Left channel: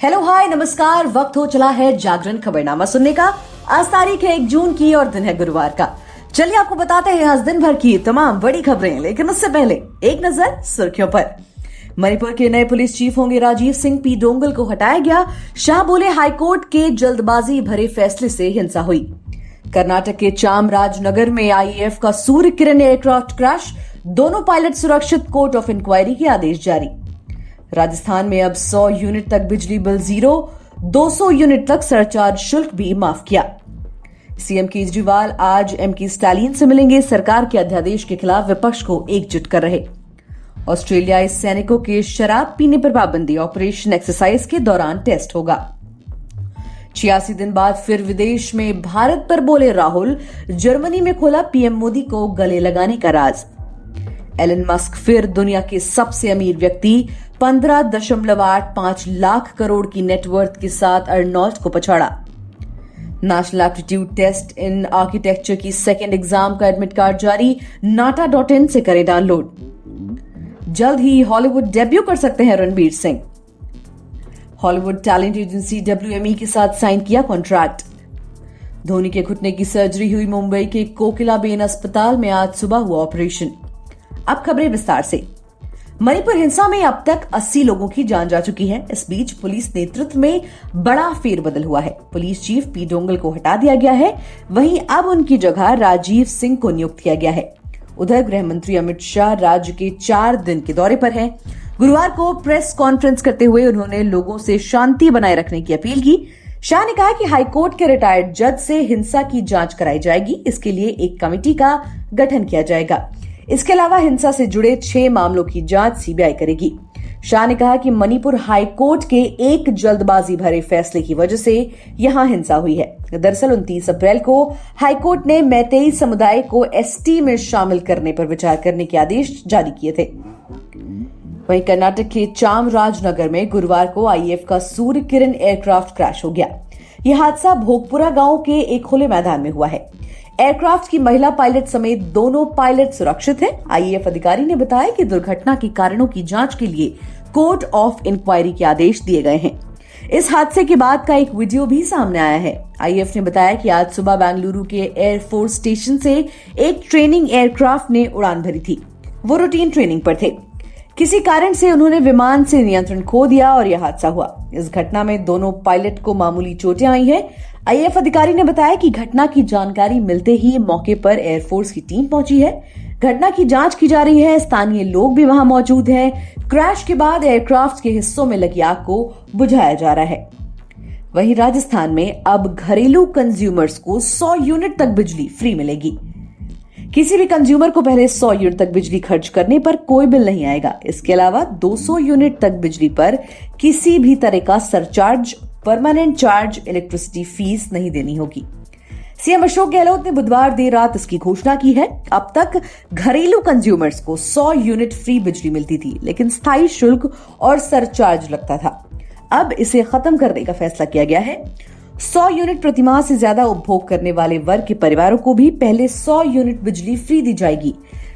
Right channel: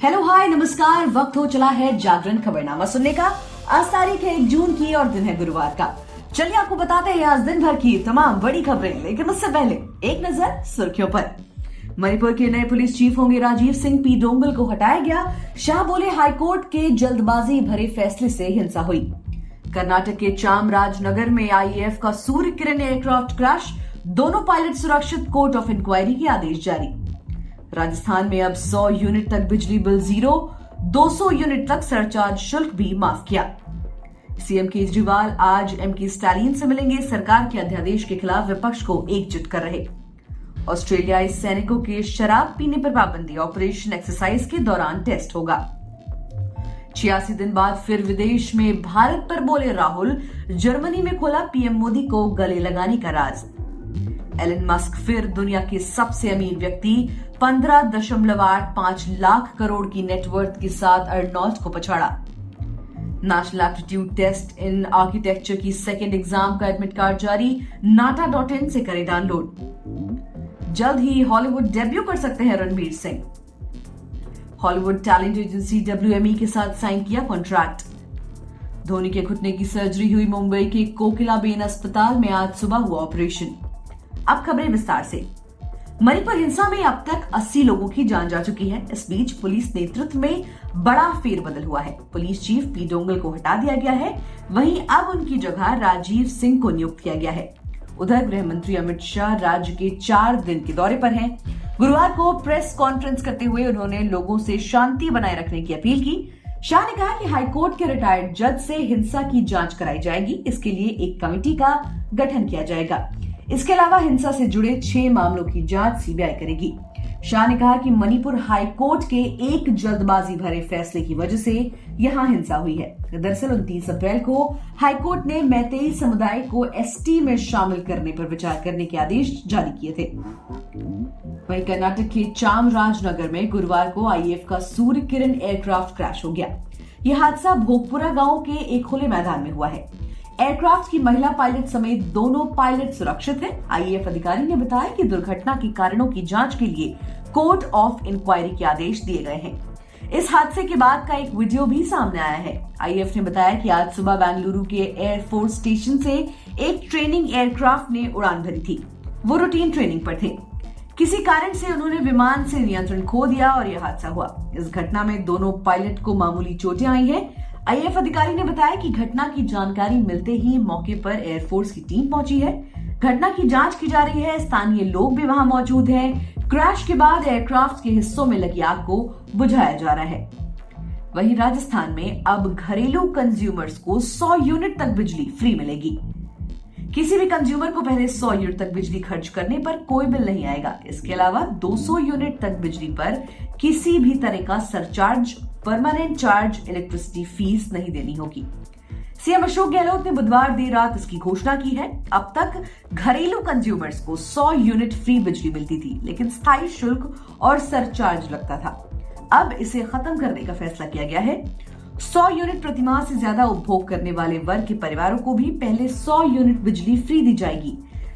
Hello hi नमस्कार। वक्त हो चला है जागरण खबरनामा सुनने का। आज तारीख है 1 जून की और दिन है गुरुवार का। चलिए आपको बताते हैं आज दिन भर की तमाम बड़ी खबरें, लेकिन उससे पहले एक नजर सुर्खियों पर। मणिपुर के नए पुलिस चीफ होंगे राजीव सिंह। पी डोंगल को हटाया गया। शाह बोले हाईकोर्ट के जल्दबाजी भरे फैसले से हिंसा हुई। कर्नाटक के चामराजनगर में आईएएफ का सूर्य किरण एयरक्राफ्ट क्रैश, दोनों पायलट सुरक्षित, कोर्ट ऑफ इंक्वायरी के आदेश जारी। राजस्थान में अब 100 यूनिट तक बिजली बिल जीरो, 200 यूनिट तक सरचार्ज शुल्क भी माफ किया। सीएम केजरीवाल आज एमके स्टालिन से मिलेंगे। सरकार के अध्यादेश के खिलाफ विपक्ष को एकजुट कर रहे। ऑस्ट्रेलियाई सैनिकों के शराब पीने पर पाबंदी, ऑपरेशन एक्सरसाइज के दौरान टेस्ट होगा। 86 दिन बाद फिर विदेश में भारत पर बोले राहुल। जर्मनी में खोला पीएम मोदी को गले लगाने का राज। एलन मस्क फिर दुनिया के सबसे अमीर व्यक्ति, 15.85 लाख करोड़ की नेटवर्थ के साथ अर्नोल्ट को पछाड़ा। National aptitude test in Architecture की सेकेंड एग्जाम का एडमिट कार्ड जारी। nata.in से करें डाउनलोड। जल्द ही हॉलीवुड डेब्यू कर सकते हैं Ranbir Singh. Hollywood talent agency WME के साथ साइन किया कॉन्ट्रैक्ट। धोनी के घुटने की सर्जरी हुई। मुंबई के कोकिलाबेन अस्पताल में आज सुबह हुआ ऑपरेशन। अब खबरें विस्तार से। मणिपुर हिंसा में अब तक 80 लोगों की जान जा चुकी है। इस बीच पुलिस नेतृत्व में बड़ा फेरबदल हुआ है। पुलिस चीफ पी डोंगल को हटा दिया गया है। वहीं अब उनकी जगह राजीव सिंह को नियुक्त किया गया है। उधर गृह मंत्री अमित शाह राज्य के 4 दिन के दौरे पर हैं। गुरुवार को प्रेस कॉन्फ्रेंस करते हुए उन्होंने लोगों से शांति बनाए रखने की अपील की। शाह ने कहा कि हाईकोर्ट के रिटायर्ड जज से हिंसा की जांच कराई जाएगी। इसके लिए एक कमेटी का गठन किया जाएगा। इसके अलावा हिंसा से जुड़े 6 मामलों की जांच सीबीआई करेगी। शाह ने कहा कि मणिपुर हाईकोर्ट के एक जल्दबाजी भरे फैसले की वजह से यहां हिंसा हुई है। दरअसल 29 अप्रैल को हाईकोर्ट ने मैतेई समुदाय को एसटी में शामिल करने पर विचार करने के आदेश जारी किए थे। वहीं कर्नाटक के चामराजनगर में गुरुवार को आईएएफ का सूर्य किरण एयरक्राफ्ट क्रैश हो गया। यह हादसा भोगपुरा गांव के एक खुले मैदान में हुआ है। एयरक्राफ्ट की महिला पायलट समेत दोनों पायलट सुरक्षित हैं। आईएएफ अधिकारी ने बताया कि दुर्घटना के कारणों की जांच के लिए कोर्ट ऑफ इंक्वायरी के आदेश दिए गए हैं। इस हादसे के बाद का एक वीडियो भी सामने आया है। आईएएफ ने बताया कि आज सुबह बेंगलुरु के एयरफोर्स स्टेशन से एक ट्रेनिंग एयरक्राफ्ट ने उड़ान भरी थी। वो रूटीन ट्रेनिंग पर थे। किसी कारण से उन्होंने विमान से नियंत्रण खो दिया और यह हादसा हुआ। इस घटना में दोनों पायलट को मामूली चोटें आई हैं। आईएएफ अधिकारी ने बताया कि घटना की जानकारी मिलते ही मौके पर एयरफोर्स की टीम पहुंची है। घटना की जांच की जा रही है। स्थानीय लोग भी वहां मौजूद हैं। क्रैश के बाद एयरक्राफ्ट के हिस्सों में लगी आग को बुझाया जा रहा है। वहीं राजस्थान में अब घरेलू कंज्यूमर्स को 100 यूनिट तक बिजली फ्री मिलेगी। किसी भी कंज्यूमर को पहले 100 यूनिट तक बिजली खर्च करने पर कोई बिल नहीं आएगा। इसके अलावा 200 यूनिट तक बिजली पर किसी भी तरह का surcharge, permanent charge, electricity fees नहीं देनी होगी। सीएम अशोक गहलोत ने बुधवार देर रात इसकी घोषणा की है। अब तक घरेलू कंज्यूमर्स को 100 यूनिट फ्री बिजली मिलती थी, लेकिन स्थायी शुल्क और सरचार्ज लगता था। अब इसे खत्म करने का फैसला किया गया है। 100 यूनिट प्रतिमाह से ज्यादा उपभोग करने वाले वर्ग के परिवारों को भी पहले 100 यूनिट बिजली फ्री दी जाएगी।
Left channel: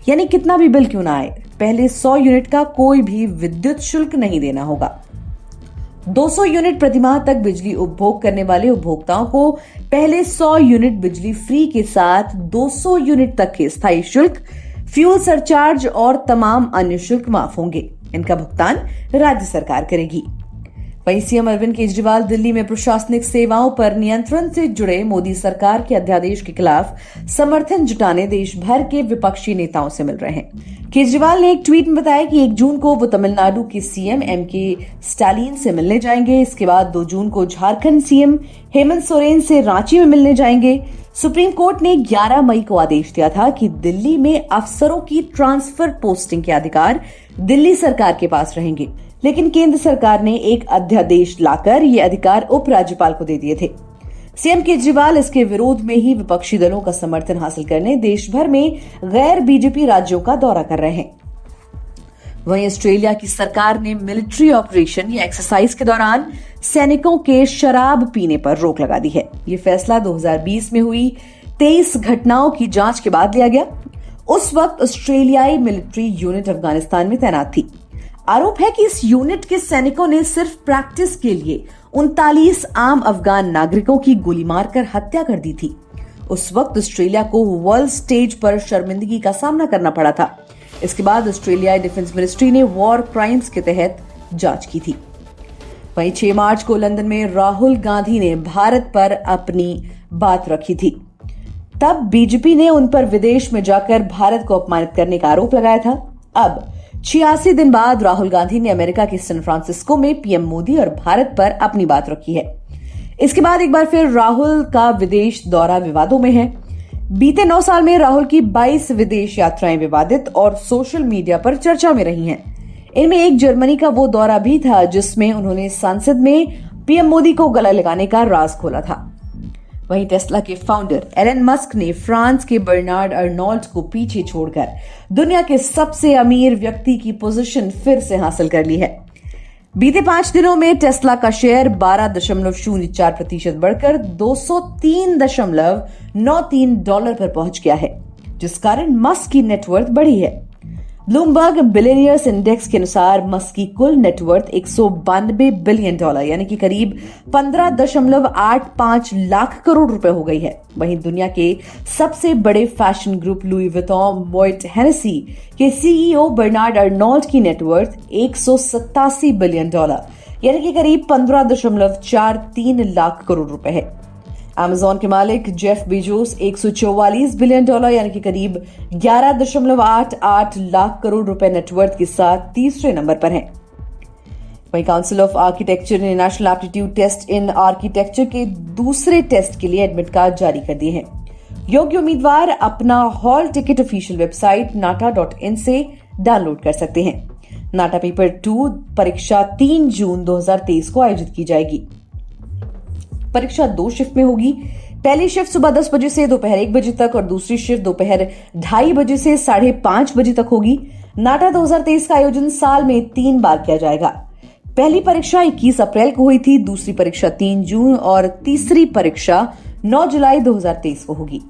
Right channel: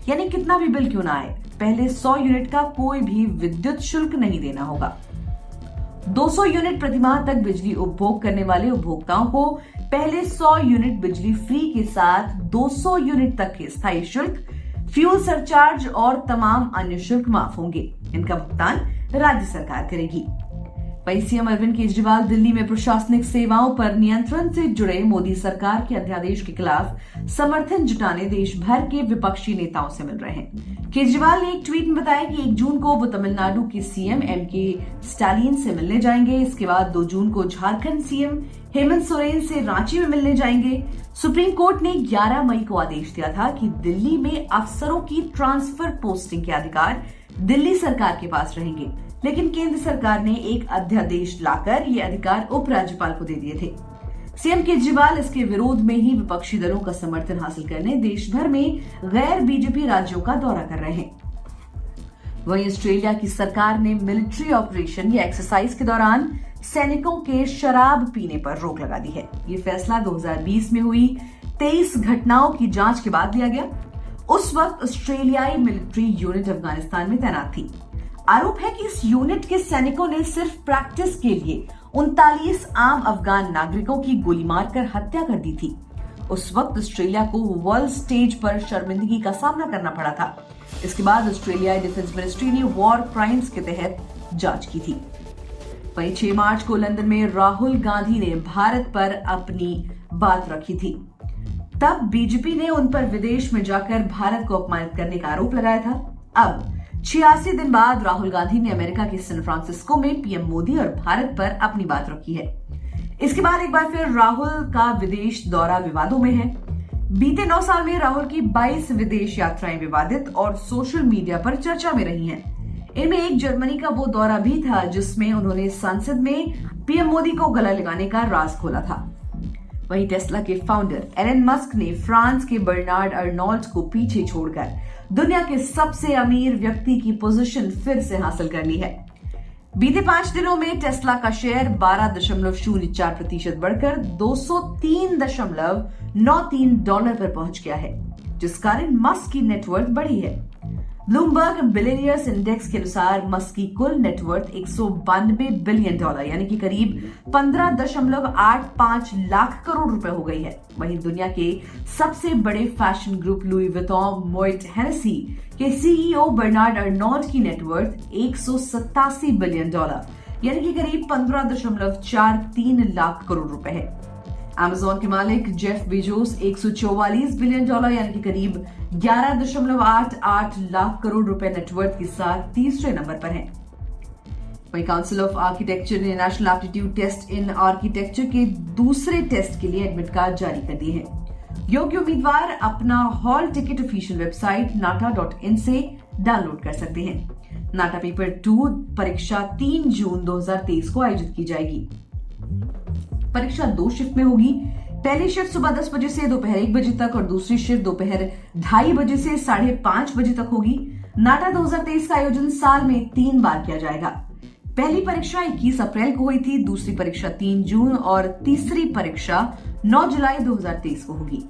यानी कितना भी बिल क्यों ना आए, पहले 100 यूनिट का कोई भी विद्युत शुल्क नहीं देना होगा। 200 यूनिट प्रतिमाह तक बिजली उपभोग करने वाले उपभोक्ताओं को पहले 100 यूनिट बिजली फ्री के साथ 200 यूनिट तक के स्थायी शुल्क, फ्यूल सरचार्ज और तमाम अन्य शुल्क माफ होंगे। इनका भुगतान राज्य सरकार करेगी। वहीं सीएम अरविंद केजरीवाल दिल्ली में प्रशासनिक सेवाओं पर नियंत्रण से जुड़े मोदी सरकार के अध्यादेश के खिलाफ समर्थन जुटाने देश भर के विपक्षी नेताओं से मिल रहे हैं। केजरीवाल ने एक ट्वीट में बताया कि 1 जून को वो तमिलनाडु के सीएम एमके स्टालिन से मिलने जाएंगे। इसके बाद 2 जून को झारखंड सीएम हेमंत सोरेन से रांची में मिलने जाएंगे। सुप्रीम कोर्ट ने 11 मई को आदेश दिया था कि दिल्ली में अफसरों की ट्रांसफर पोस्टिंग के अधिकार दिल्ली सरकार के पास रहेंगे, लेकिन केंद्र सरकार ने एक अध्यादेश लाकर ये अधिकार उपराज्यपाल को दे दिए थे। सीएम केजरीवाल इसके विरोध में ही विपक्षी दलों का समर्थन हासिल करने देश भर में गैर बीजेपी राज्यों का दौरा कर रहे हैं। वहीं ऑस्ट्रेलिया की सरकार ने मिलिट्री ऑपरेशन या एक्सरसाइज के दौरान सैनिकों के शराब पीने पर रोक लगा दी है। ये फैसला 2020 में हुई 23 घटनाओं की जांच के बाद लिया गया। उस वक्त ऑस्ट्रेलियाई मिलिट्री यूनिट अफगानिस्तान में तैनात थी। आरोप है कि इस यूनिट के सैनिकों ने सिर्फ प्रैक्टिस के लिए 39 आम अफगान नागरिकों की गोली मारकर हत्या कर दी थी। उस वक्त ऑस्ट्रेलिया को वर्ल्ड स्टेज पर शर्मिंदगी का सामना करना पड़ा था। इसके बाद ऑस्ट्रेलियाई डिफेंस मिनिस्ट्री ने वॉर क्राइम्स के तहत जांच की थी। वहीं 6 मार्च को लंदन में राहुल गांधी ने भारत पर अपनी बात रखी थी। तब बीजेपी ने उन पर विदेश में जाकर भारत को अपमानित करने का आरोप लगाया था। अब 86 दिन बाद राहुल गांधी ने अमेरिका के सैन फ्रांसिस्को में पीएम मोदी और भारत पर अपनी बात रखी है। इसके बाद एक बार फिर राहुल का विदेश दौरा विवादों में है। बीते 9 साल में राहुल की 22 विदेश यात्राएं विवादित और सोशल मीडिया पर चर्चा में रही हैं। इनमें एक जर्मनी का वो दौरा भी था जिसमें उन्होंने संसद में पीएम मोदी को गला लगाने का राज खोला था। वहीं टेस्ला के फाउंडर एलन मस्क ने फ्रांस के बर्नार्ड अर्नोल्ट को पीछे छोड़कर दुनिया के सबसे अमीर व्यक्ति की पोजीशन फिर से हासिल कर ली है। बीते 5 दिनों में टेस्ला का शेयर 12.04% बढ़कर $203.93 पर पहुंच गया है, जिस कारण मस्क की नेटवर्थ बढ़ी है। ब्लूमबर्ग बिलियनियर्स इंडेक्स के अनुसार मस्क की कुल नेटवर्थ $192 बिलियन यानी कि करीब 15.85 लाख करोड़ रुपए हो गई है। वहीं दुनिया के सबसे बड़े fashion group Louis Vuitton Moet Hennessy के सीईओ बर्नार्ड अर्नोल्ट की नेटवर्थ $187 बिलियन यानी कि करीब 15.43 लाख करोड़ रुपए है। अमेज़न के मालिक जेफ बेजोस $144 बिलियन यानी कि करीब 11.88 लाख करोड़ रुपए नेटवर्थ के साथ तीसरे नंबर पर हैं। वहीं काउंसिल ऑफ आर्किटेक्चर ने national aptitude test in architecture के दूसरे टेस्ट के लिए एडमिट कार्ड जारी कर दिए हैं। योग्य उम्मीदवार अपना hall ticket official website nata.in से डाउनलोड कर सकते हैं। नाटा पेपर 2 परीक्षा 3 जून 2023 को आयोजित की जाएगी। परीक्षा 2 शिफ्ट में होगी। पहली शिफ्ट सुबह 10 बजे से दोपहर 1 बजे तक और दूसरी शिफ्ट दोपहर 2:30 बजे से 5:30 बजे तक होगी। नाटा 2023 का आयोजन साल में 3 बार किया जाएगा। पहली परीक्षा 21 अप्रैल को हुई थी, दूसरी परीक्षा 3 जून और तीसरी परीक्षा 9 जुलाई 2023 को होगी।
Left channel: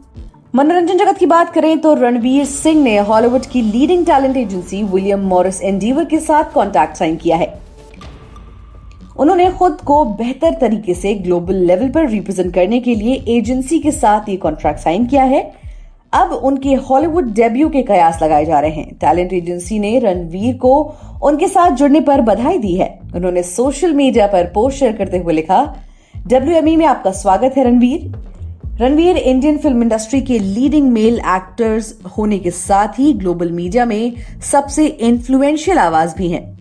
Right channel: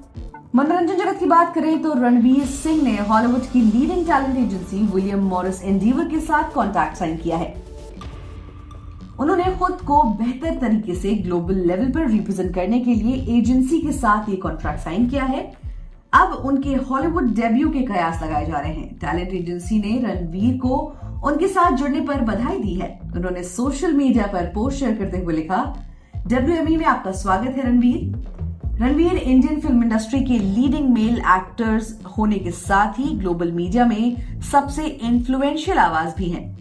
मनोरंजन जगत की बात करें तो रणवीर सिंह ने हॉलीवुड की leading talent agency William Morris endeavour के साथ कॉन्ट्रैक्ट साइन किया है। उन्होंने खुद को बेहतर तरीके से ग्लोबल लेवल पर रिप्रेजेंट करने के लिए एजेंसी के साथ ये कॉन्ट्रैक्ट साइन किया है। अब उनके हॉलीवुड डेब्यू के कयास लगाए जा रहे हैं। टैलेंट एजेंसी ने रणवीर को उनके साथ जुड़ने पर बधाई दी है। उन्होंने सोशल मीडिया पर पोस्ट शेयर करते हुए लिखा, WME में आपका स्वागत है रणवीर इंडियन फिल्म इंडस्ट्री के लीडिंग मेल एक्टर्स होने के साथ ही ग्लोबल मीडिया में सबसे इन्फ्लुएंशियल आवाज भी हैं।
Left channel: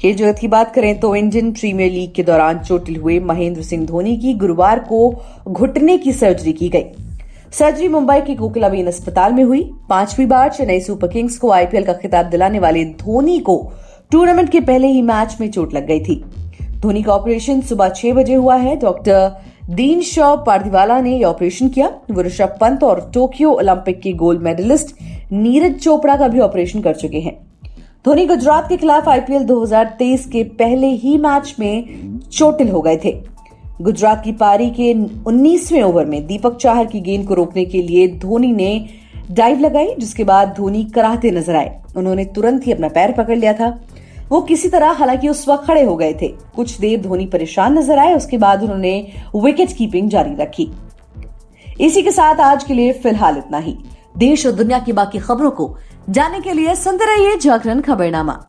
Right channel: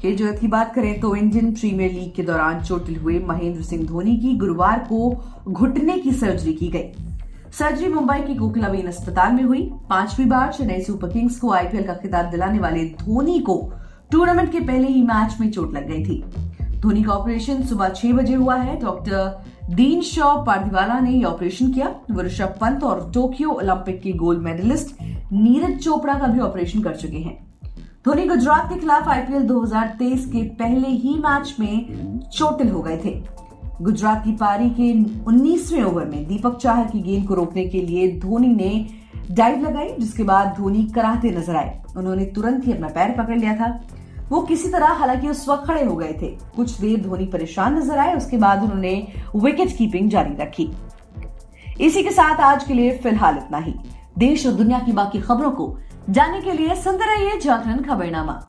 खेल जगत की बात करें तो इंडियन प्रीमियर लीग के दौरान चोटिल हुए महेंद्र सिंह धोनी की गुरुवार को घुटने की सर्जरी की गई। सर्जरी मुंबई के कोकिलाबेन अस्पताल में हुई। 5वीं बार चेन्नई सुपर किंग्स को आईपीएल का खिताब दिलाने वाले धोनी को टूर्नामेंट के पहले ही मैच में चोट लग गई थी। धोनी का ऑपरेशन सुबह 6 बजे हुआ है। डॉक्टर दीन शॉ पारदीवाला ने यह ऑपरेशन किया। वो ऋषभ पंत और टोक्यो ओलंपिक के गोल्ड मेडलिस्ट नीरज चोपड़ा का भी ऑपरेशन कर चुके हैं। धोनी गुजरात के खिलाफ आईपीएल 2023 के पहले ही मैच में चोटिल हो गए थे। गुजरात की पारी के 19वें ओवर में दीपक चाहर की गेंद को रोकने के लिए धोनी ने डाइव लगाई, जिसके बाद धोनी कराहते नजर आए। उन्होंने तुरंत ही अपना पैर पकड़ लिया था। वो किसी तरह हालांकि उस वक्त खड़े हो गए थे। कुछ देर धोनी परेशान नजर आए, उसके बाद उन्होंने विकेट कीपिंग जारी रखी। इसी के साथ आज के लिए फिलहाल इतना ही। देश और दुनिया की बाकी खबरों को जानने के लिए सुनते रहिए जागरण खबरनामा।